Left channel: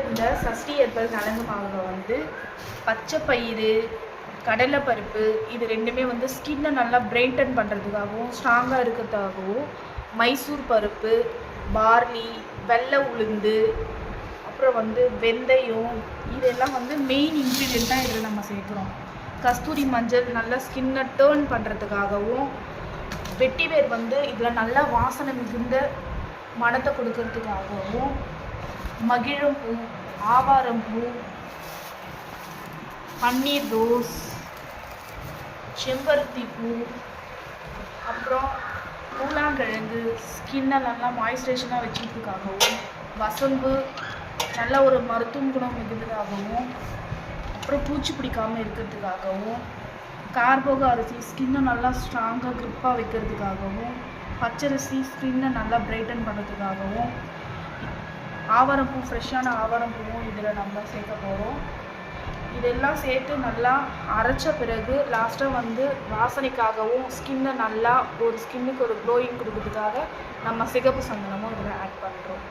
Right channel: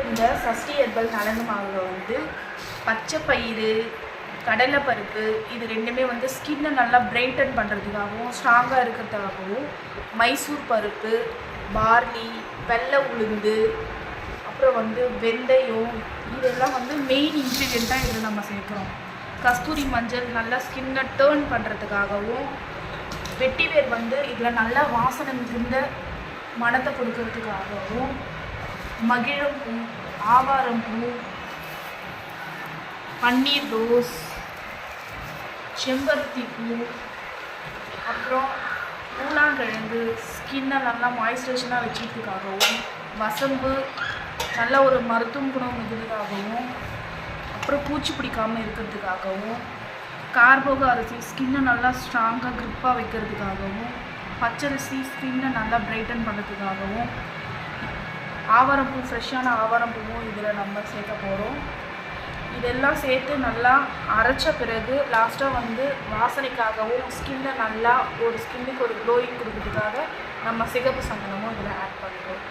இந்த சஷ்டி ஹெர்பல் நலங்கு மாவில் வந்து பச்சை பயிறு, கடலைப்பருப்பு இது ரெண்டுமே வந்து ஸ்கின்னை நல்லா பிரைட்டன் பண்ணுறதுக்காகவும் ஸ்ட்ராங்காக இருக்கிறதுக்காகவும், மைசூர் பருப்பு, பார்லி, வெள்ளை உளுந்து, அப்புறம் வந்து வெந்தயம் இதெல்லாம் வந்து மெயின் இன்க்ரீடியண்ட்டாக இதில் நம்ம சேர்க்குறோம். கஸ்தூரி மஞ்சள் நல்லா ஸ்கின்னை டேர்ன் பண்ணுறதுக்காகவும், வெட்டிவேர் வந்து இதில் நல்லா வாசனை மிகுந்த மணத்தை கொடுக்கறதுக்காகவும், மகிழம்பூ, ஆவாரம்பூ, பன்னீர் ரோஸ், செம்பருத்தி பூ, அப்புறம் கூழாங்கிழங்கு ஸ்கின்னை நல்லா மாய்ஸ்சரைசராக வச்சுக்கிறதுக்காகவும், வசம்பு நல்ல ஒரு மருத்துவ குணம் மிகுந்ததாகவும், அப்புறம் பூச்சி பிடிக்காமல் இருக்கிறதுக்காகவும், கார்போக அரிசி ஸ்கின்னை நல்லா ஸ்ட்ராங்காக க்ரிப்பாக வைக்கிறதுக்காகவும், பச்சரிசி ஸ்கின்னை நல்லா பிரைட்டன் பண்ணுறதுக்காகவும், ஆவாரம்பூ ஃப்ரெஷ்ஷான ஆவாரம்பூவும் இதில் நம்ம சேர்க்க போகிறோம். இதெல்லாம் சேர்த்து நல்லா அரைச்ச பிறகு லாஸ்ட்டாக வந்து வாசனைக்காகவும் ஸ்கின்னை நல்லா ஸ்கின்னுக்கு ஒரு க்ளோயிங் கொடுக்கறதுக்காக நம்ம சிகப்பு சந்தனமும் இதில் ஆட் பண்ணுறோம்.